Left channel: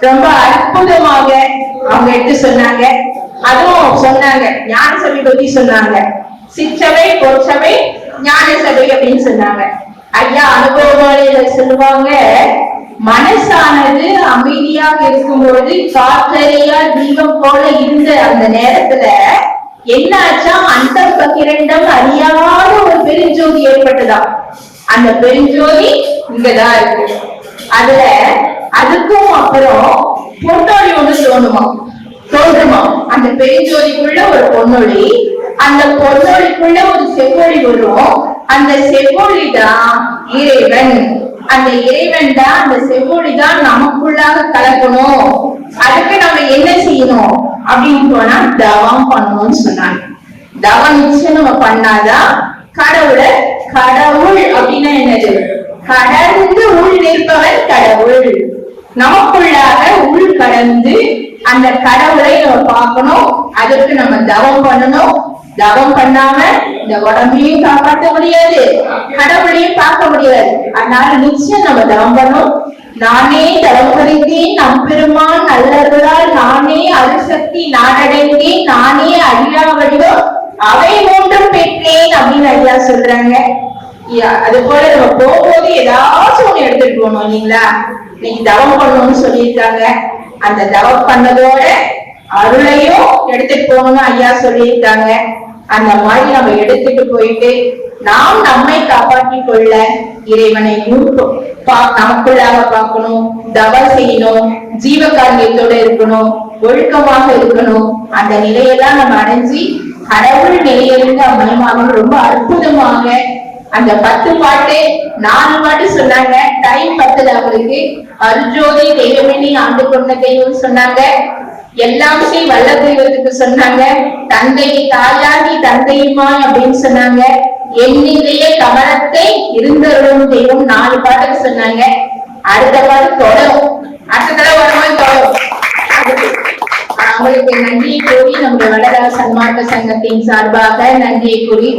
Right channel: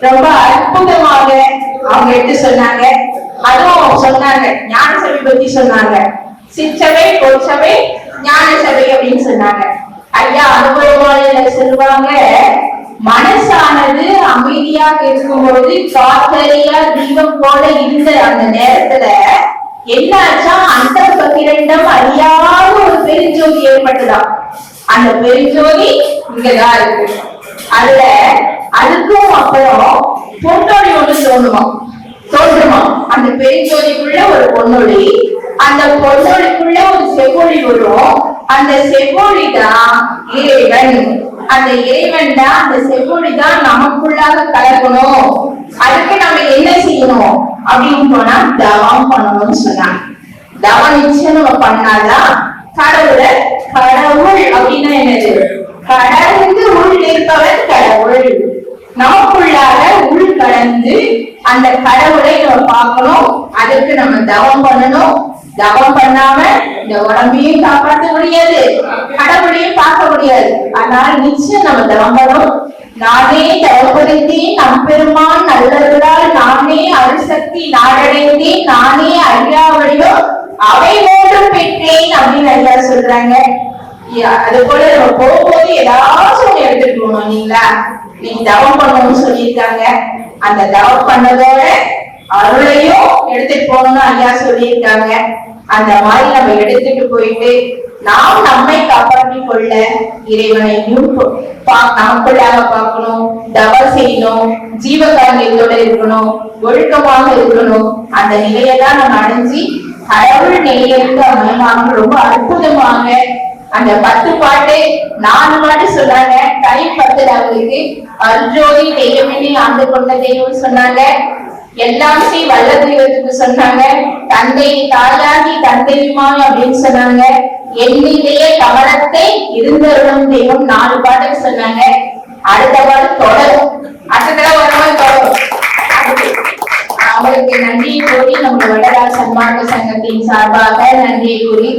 ரொம்ப அற்புதமாக அவங்க எடுத்து சொன்னாங்க. அதுவும் சொன்னாங்க ஞான சபை பத்தி சொன்னாங்க. சிற்சபை பொற்சபை ஞான சபை அப்படின்னு சொன்னாங்க. ஐயா அனுபவங்களில சொல்லுவாங்க மனசானது அமைதியாக இருக்கும்போது காத்தறியா தீபம் போல இருந்த அந்த நேரத்துல என்னாச்சா அந்த பகிரண்டம் அறியாத ஒரு பெருஞ்சோதி ஏற்பட்டதா? அந்த பெருஞ்சோதி இங்கதான் இருக்கு. அதுல அதுக்கும் அப்புறம் பொன்னொழி ஒண்ணு தோணுமா? தோன்றுமா? அந்த பெருஞ்சோதிக்குள்ள ஒரு பொன்னொழி அந்த பொன்னொழிக்குள்ள ஒரு செவ்வொழி வரும். அந்த செவ்வொழி தான் இறைவன். அந்த இறைவன் தான் அந்த செவ்வொழி தான் நமக்குள்ளாக கலக்கணும். அதுக்கு நம்ம என்ன செய்யணும்? அப்படின்னு போனா தவம் பண்ணணும்னு சொன்னாங்க. தவம் நிச்சயம் நம்ம பண்ணாதான் கடவுளை கடவுள் அப்படின்னா என்னது? கடந்து உள் நிற்பவன் நமக்குள்ளாக உள் கடந்து அந்த கடவுளை நம்ம பார்க்கணும். அதுக்கு நம்ம தவம் பண்ணணும். தவம் பண்ணாம இந்த உடம்பையும் காப்பாற்ற முடியாது. கடவுளையும் பார்க்க முடியாது. அதனால நிச்சயம் நம்ம தவம் பண்ணணும். நானே தவப்படுத்தேன் நம் பெருமான் நல்லவர்களால் நானே அருசக்தி நாடடைந்தேன். நானே ஐயா வழியோ அவை மூன்றும் பெற்றேன் அப்படின்னு ஐயா சொல்றாங்க. யா, அது போல நம்ம போகும்போது ஏதாச்சும் ஒண்ணு எடுத்துட்டு போகணும் இல்லைங்களா? நீங்க தவம் பண்ணணும்னு சொல்லியிருக்காங்க. அந்த தவம் பண்ணதோட அருளையும் எடுத்துட்டு போகணும்னு ஐயா சொல்லியிருக்காங்க. அந்த மாதிரி நம்ம எடுத்துட்டு போயிட்டு நாம் நம்மை காப்பாற்றிக் கொள்ள இறைவனையும் நமக்குள்ளாக பார்க்கணும். தவம் செய்யணும். ஜீவகாரியத்தோட இருக்கணும். ஒழுக்கமாக இருக்கணும். அந்த நிலையெல்லாம் நம்ம அடைஞ்சு கடவுள் நிலையிலிருந்து அமையமாக ரொம்ப அற்புதமாக அந்த பத்து பாட்டு நாலு பாட்டு சொன்னாங்க. டைம் பத்துல அவங்களுக்கு அர்ஜோதி தெய்வமினி ஆண்டு கொண்ட தெய்வம் சொன்னாங்க. எல்லாமே வல்ல தெய்வத்துக்கு சொன்னாங்க. தந்தை தாயாகி தந்தையுமாய் அப்படின்னு சொன்னாங்க. எண்ணிலேயே கவனத்தை இருந்தருளும் தெய்வம் நாலு பாட்டுக்கு சொன்னாங்க. அடுத்த பாட்டு தொடரும். அடுத்த தடவை வரும்போது தொடரும். அவங்களுக்கு நன்றியை கூறி நம்முடைய வடராஜ சன்மார்க்க சங்கத்தின் சார்பாக நன்றியை கூறி